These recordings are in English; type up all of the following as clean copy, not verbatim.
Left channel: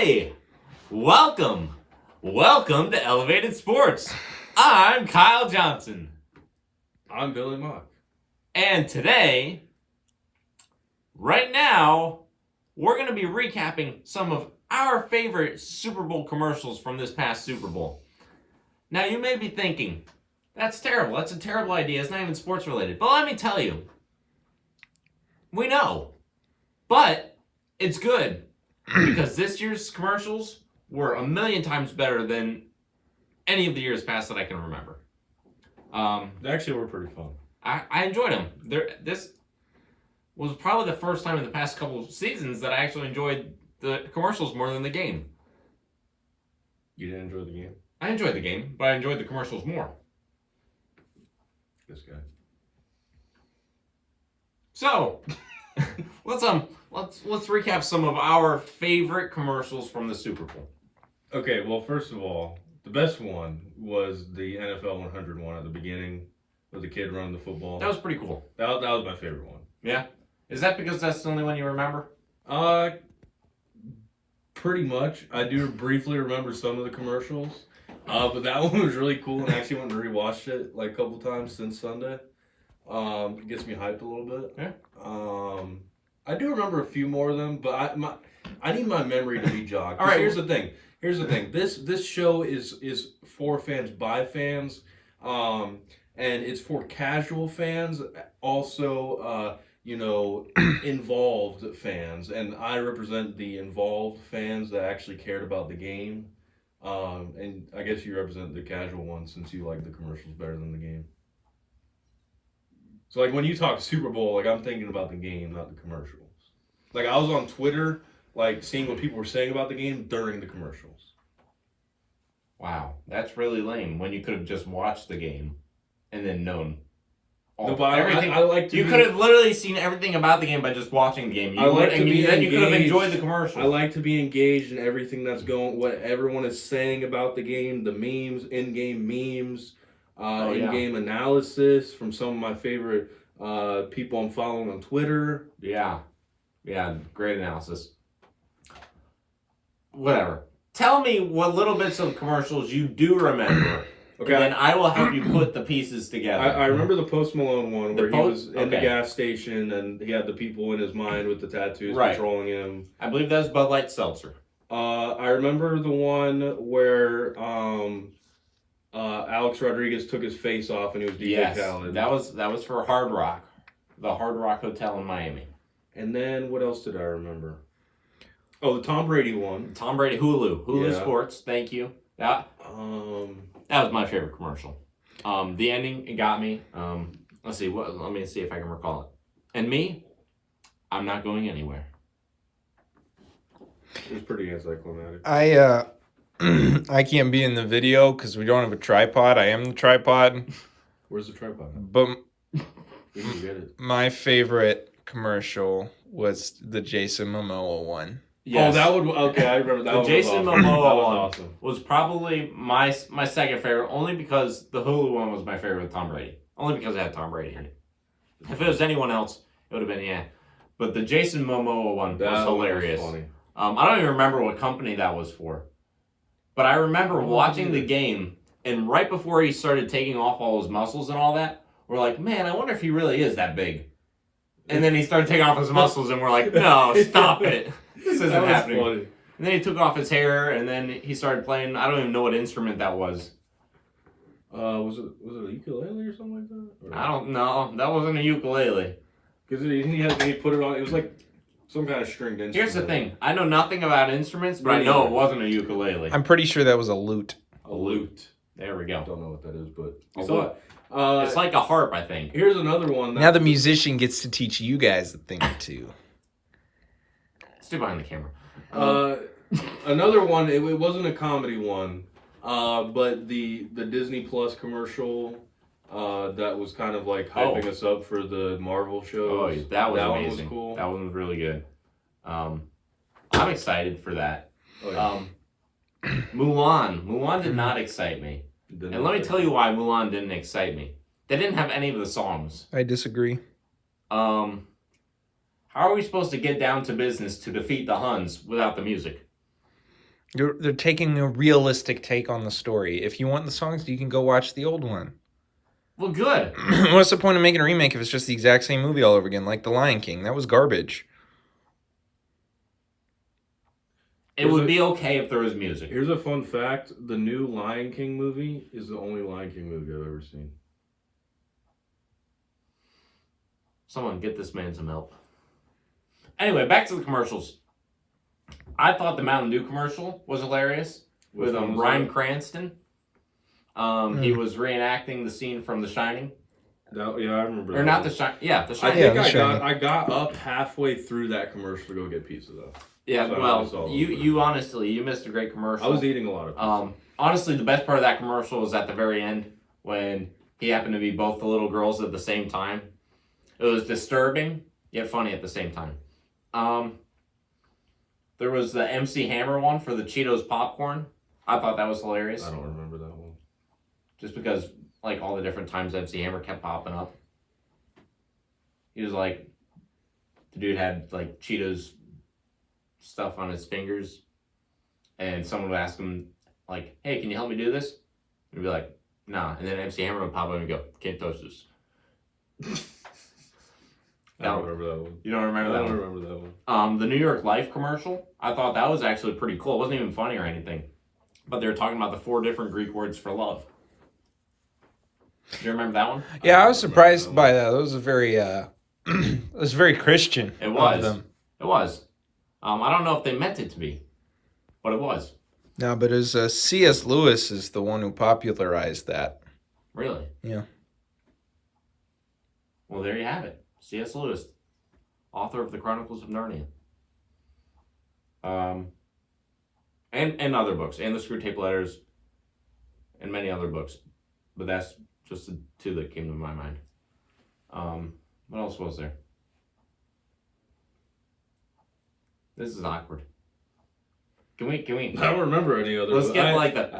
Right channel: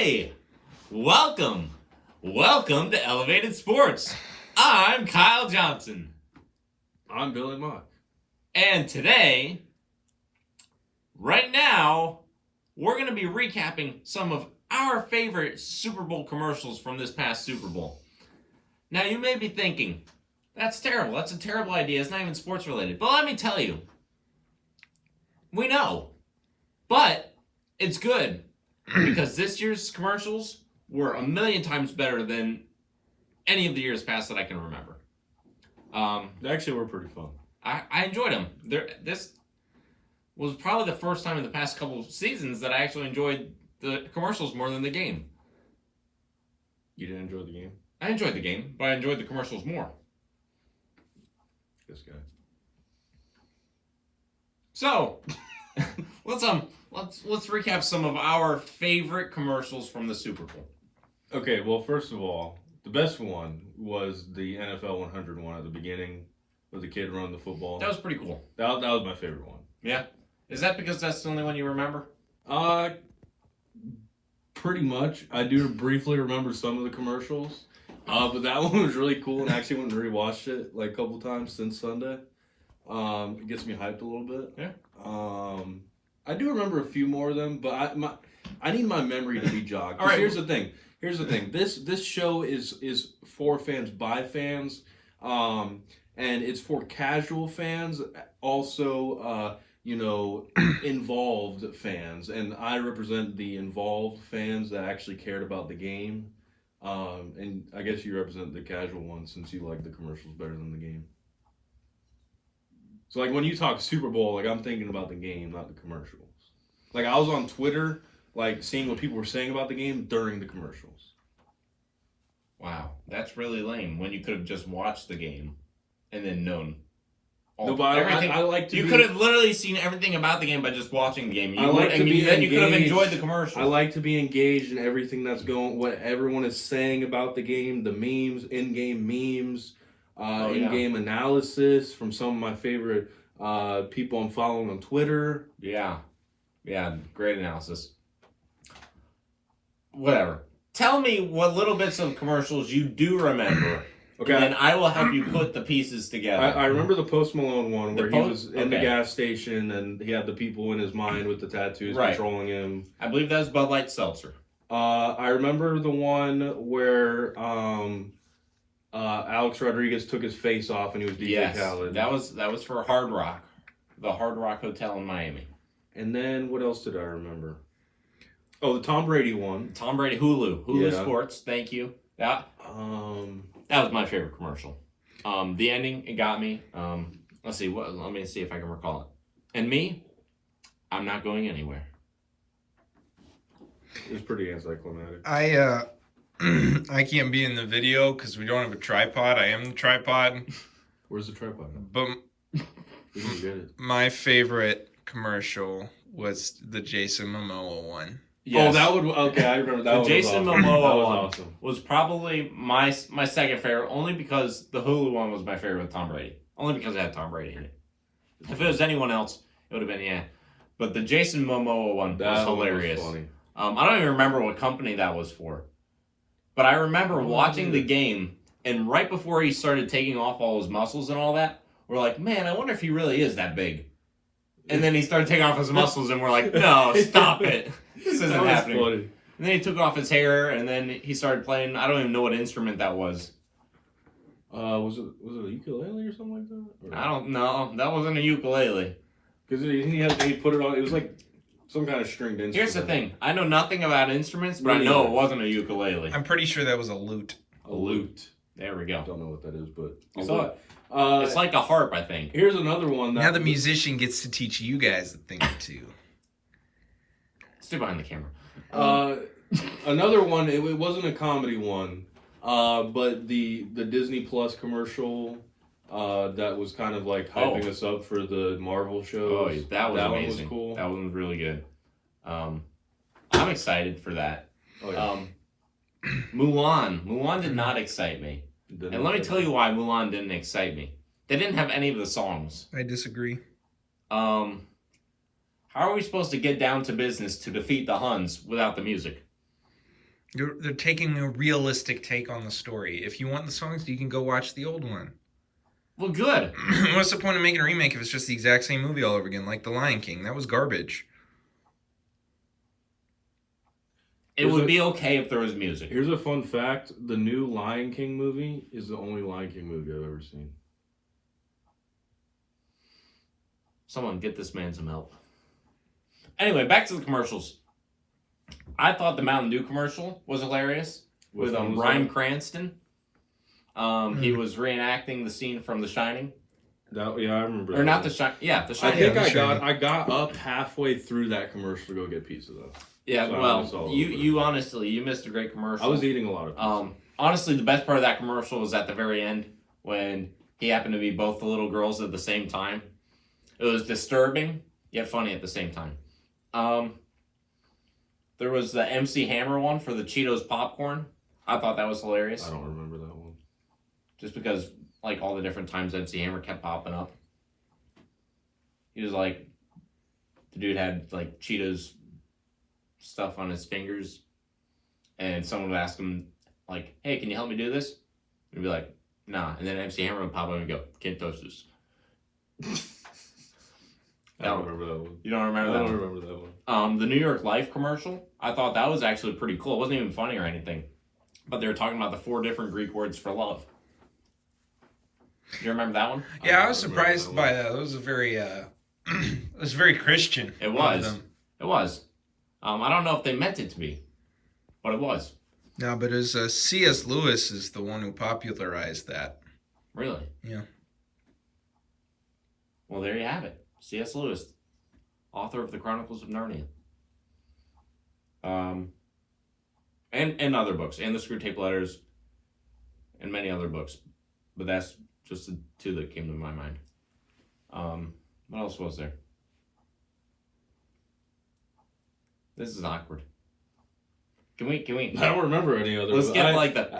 Hey, welcome to Elevated Sports. I'm Kyle Johnson. I'm Billy Mock. And today, right now, we're going to be recapping some of our favorite Super Bowl commercials from this past Super Bowl. Now, you may be thinking, that's terrible. That's a terrible idea. It's not even sports related. But let me tell you, we know. But it's good because this year's commercials were a million times better than any of the years past that I can remember. They actually were pretty fun. I enjoyed them. This was probably the first time in the past couple of seasons that I actually enjoyed the commercials more than the game. You didn't enjoy the game? I enjoyed the game, but I enjoyed the commercials more. This guy. So, let's recap some of our favorite commercials from the Super Bowl. Okay, well, first of all, the best one was the NFL 100 one at the beginning with the kid running the football. That was pretty cool. That was my favorite one. Yeah? Is that because that's the only one you remember? Pretty much. I do briefly remember some of the commercials. But that one was really cool, and I actually went and rewatched it like a couple times since Sunday. It gets me hyped a little bit. Yeah. I do remember a few more of them, but I need my memory to be jogged. All right. Here's the thing. This show is for fans by fans, and it's for casual fans, also involved fans, and I represent the involved fans that actually cared about the game. And I guess you represent the casual ones since you like the commercials better than the game. So, like, when you talk Super Bowl, like, I'm thinking about the game, not the commercials. Like, I was on Twitter, like, seeing what people were saying about the game during the commercials. Wow, that's really lame when you could have just watched the game and then known everything. I like to You could have literally seen everything about the game by just watching the game. Then you could have enjoyed the commercial. I like to be engaged in everything that's going, what everyone is saying about the game, the memes, in-game memes, in-game analysis from some of my favorite people I'm following on Twitter. Yeah, great analysis. Whatever. Tell me what little bits of commercials you do remember. Okay, and then I will help you put the pieces together. I remember the Post Malone one where he was in the gas station and he had the people in his mind with the tattoos controlling him. I believe that was Bud Light Seltzer. I remember the one where Alex Rodriguez took his face off and he was DJ Khaled. That was for Hard Rock, the Hard Rock Hotel in Miami. And then what else did I remember? Oh, the Tom Brady one. Tom Brady Hulu Sports. Thank you. That was my favorite commercial. The ending, it got me. Let me see if I can recall it. And me, I'm not going anywhere. It was pretty anticlimactic. I can't be in the video because we don't have a tripod. I am the tripod. Where's the tripod? But we can get it. My favorite commercial was the Jason Momoa one. Yes. Oh, I remember that one. The Jason Momoa one awesome. Was probably my second favorite, only because the Hulu one was my favorite with Tom Brady. Only because it had Tom Brady in it. If it was anyone else, it would have been But the Jason Momoa one was hilarious. Was funny. I don't even remember what company that was for. But I remember watching the game, and right before he started taking off all his muscles and all that, we're like, man, I wonder if he really is that big. And then he started taking off his muscles, and we're like, no, stop it. This isn't happening. Funny. And then he took off his hair, and then he started playing. I don't even know what instrument that was. Was it a ukulele or something like that? Or? I don't know. That wasn't a ukulele. Because he put it on. It was like some kind of stringed instrument. Here's the thing. I know nothing about instruments, but I know it wasn't a ukulele. I'm pretty sure that was a lute. A lute. There we go. I don't know what that is, but I saw it. It's like a harp, I think. Here's another one. Now the musician gets to teach you guys a thing or two. Stay behind the camera. Another one. It wasn't a comedy one, but the Disney Plus commercial that was kind of like hyping us up for the Marvel shows. Oh, that was amazing. One was cool. That one was really good. I'm excited for that. Oh, yeah. Mulan did not excite me. And let me tell you why Mulan didn't excite me. They didn't have any of the songs. I disagree. How are we supposed to get down to business to defeat the Huns without the music? They're taking a realistic take on the story. If you want the songs, you can go watch the old one. Well, good. What's the point of making a remake if it's just the exact same movie all over again, like The Lion King? That was garbage. It would be okay if there was music. Here's a fun fact. The new Lion King movie is the only Lion King movie I've ever seen. Someone get this man some help. Anyway, back to the commercials. I thought the Mountain Dew commercial was hilarious with Bryan Cranston. He was reenacting the scene from The Shining. Yeah, I remember. Or not The Shining. Yeah, The I Shining. think I got up halfway through that commercial to go get pizza though. Yeah, So well, you honestly, you missed a great commercial. I was eating a lot of pizza. Honestly, the best part of that commercial was at the very end when he happened to be both the little girls at the same time. It was disturbing, yet funny at the same time. There was the MC Hammer one for the Cheetos popcorn. I thought that was hilarious. I don't remember that one. Just because, like, all the different times MC Hammer kept popping up. He was like, the dude had, like, Cheetos stuff on his fingers. And someone would ask him, like, hey, can you help me do this? And he'd be like, nah. And then MC Hammer would pop up and go, can't touch this. I don't remember that one. You don't remember that one? I don't remember that one. The New York Life commercial, I thought that was actually pretty cool. It wasn't even funny or anything. But they were talking about the 4 different Greek words for love. You remember that one? Yeah, I was surprised by that. It was a very, it was very Christian. It was. It was. I don't know if they meant it to be, but it was. No, but it was C.S. Lewis is the one who popularized that. Really? Yeah. Well, there you have it. C.S. Lewis, author of the Chronicles of Narnia. And other books, and the Screw Tape Letters, and many other books. But that's just the 2 that came to my mind. What else was there? This is awkward. Can we? I don't remember any other. Let's get like the.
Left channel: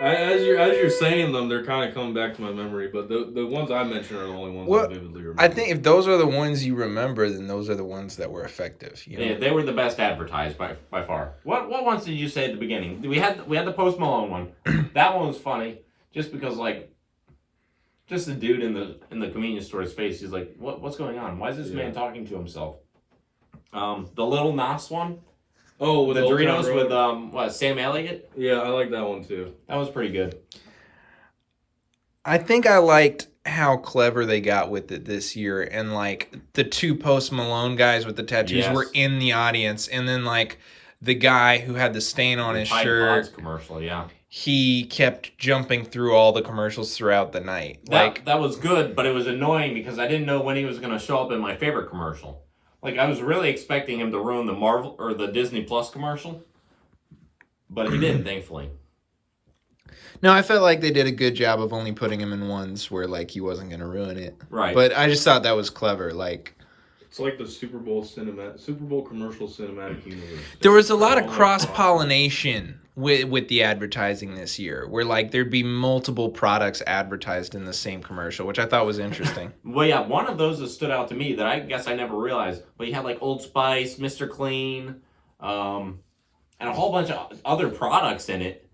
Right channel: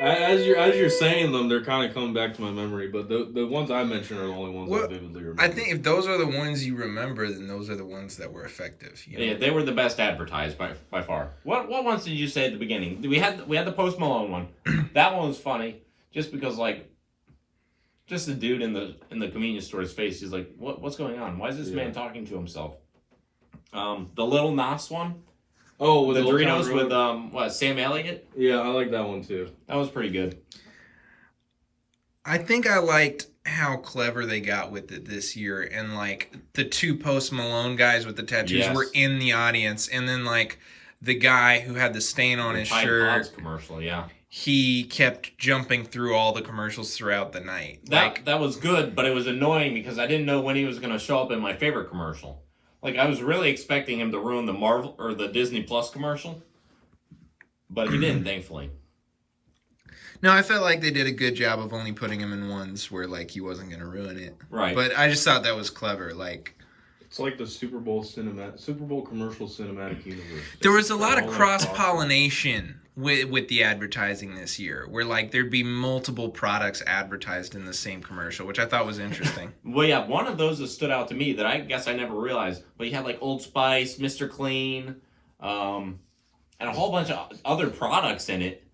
As you're saying them, they're kind of coming back to my memory. But the ones I mentioned are the only ones I vividly remember. I think if those are the ones you remember, then those are the ones that were effective. You know? Yeah, they were the best advertised by far. What ones did you say at the beginning? We had the Post Malone one. That one was funny, just because just the dude in the convenience store's face. He's like, what's going on? Why is this man talking to himself? The Little Nas one. Oh, with the Doritos with Sam Elliott? Yeah, I like that one too. That was pretty good. I think I liked how clever they got with it this year, and like the 2 Post Malone guys with the tattoos were in the audience, and then like the guy who had the stain on his shirt commercial, yeah. He kept jumping through all the commercials throughout the night. That was good, but it was annoying because I didn't know when he was going to show up in my favorite commercial. Like, I was really expecting him to ruin the Marvel or the Disney Plus commercial, but he didn't, thankfully. No, I felt like they did a good job of only putting him in ones where, like, he wasn't going to ruin it. Right. But I just thought that was clever. Like, it's like the Super Bowl commercial cinematic universe. There was a lot of cross-pollination with the advertising this year, where, like, there'd be multiple products advertised in the same commercial, which I thought was interesting. Well, yeah, one of those that stood out to me that I guess I never realized, but you had, like, Old Spice, Mr. Clean, and a whole bunch of other products in it.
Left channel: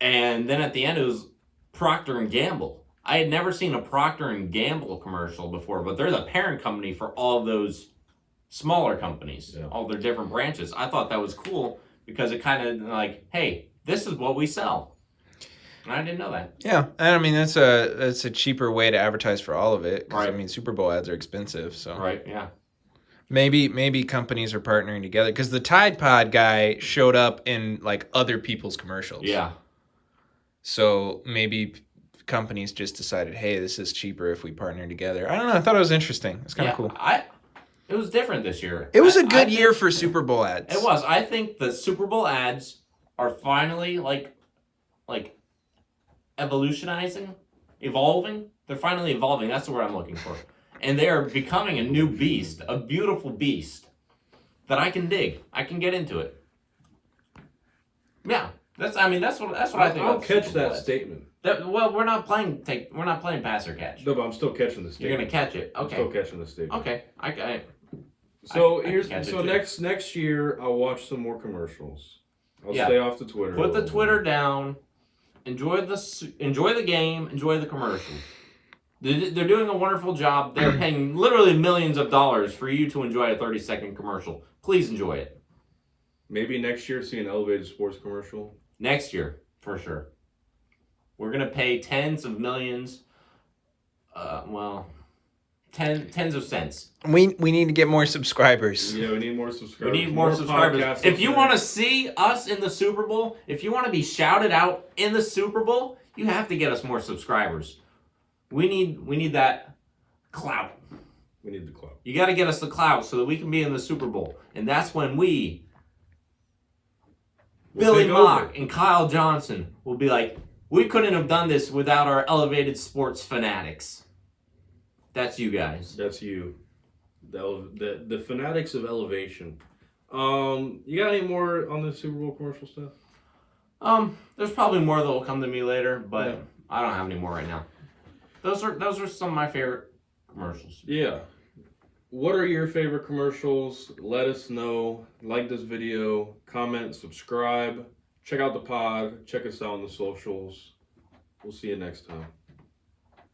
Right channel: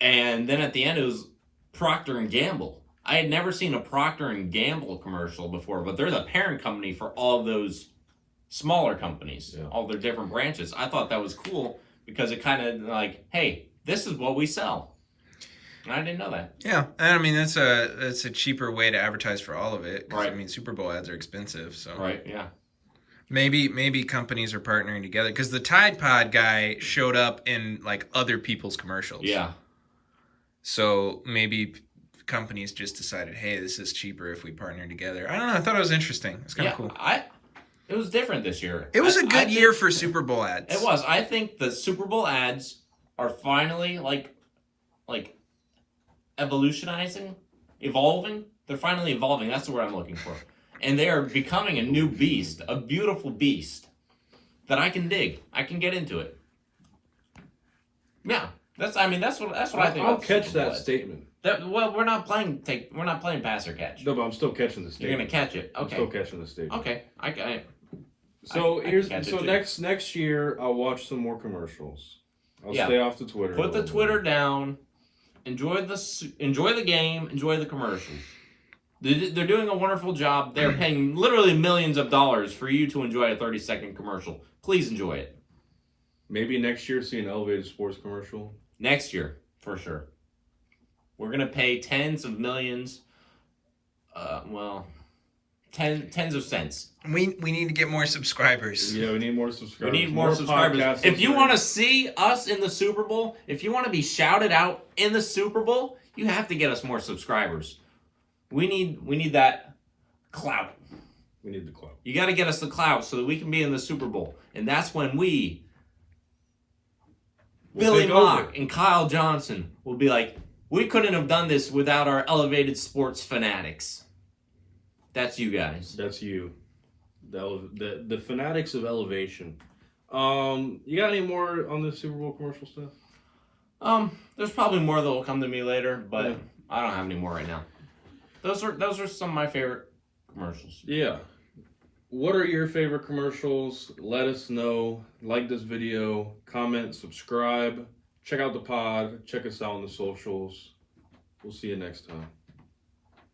And then at the end, it was Procter & Gamble. I had never seen a Procter & Gamble commercial before, but they're the parent company for all of those smaller companies, all their different branches. I thought that was cool because it kind of like, hey, this is what we sell. And I didn't know that. Yeah, and I mean that's a cheaper way to advertise for all of it. Right. I mean, Superbowl ads are expensive, so right, yeah. Maybe companies are partnering together because the Tide Pod guy showed up in like other people's commercials. Yeah. So maybe companies just decided, hey, this is cheaper if we partner together. I don't know. I thought it was interesting. It's kind of cool. It was different this year. It was a good year for Super Bowl ads. It was. I think the Super Bowl ads are finally like evolving. They're finally evolving. That's the word I'm looking for. And they are becoming a new beast, a beautiful beast that I can dig. I can get into it. Yeah. That's what I think. I'll catch that statement. We're not playing pass or catch. No, but I'm still catching the statement. You're gonna catch it. Okay. I'm still catching the statement. Okay. So next year I'll watch some more commercials. I'll stay off the Twitter. Put the Twitter down. Enjoy the game. Enjoy the commercials. They're doing a wonderful job. They're paying literally millions of dollars for you to enjoy a 30-second commercial. Please enjoy it. Maybe next year see an elevated sports commercial. Next year, for sure. We're going to pay tens of millions. Tens of cents. We need to get more subscribers. Yeah, we need more subscribers. We need more subscribers. If you want to see us in the Super Bowl, if you want to be shouted out in the Super Bowl, you have to get us more subscribers. We need that clout. We need the clout. You got to get us the clout so that we can be in the Super Bowl. And that's when Billy Mock and Kyle Johnson will be like, we couldn't have done this without our elevated sports fanatics. That's you guys. That's you. The fanatics of elevation. You got any more on the Super Bowl commercial stuff? There's probably more that will come to me later, but I don't have any more right now. Those are some of my favorite commercials. Yeah. What are your favorite commercials? Let us know. Like this video, comment, subscribe. Check out the pod. Check us out on the socials. We'll see you next time.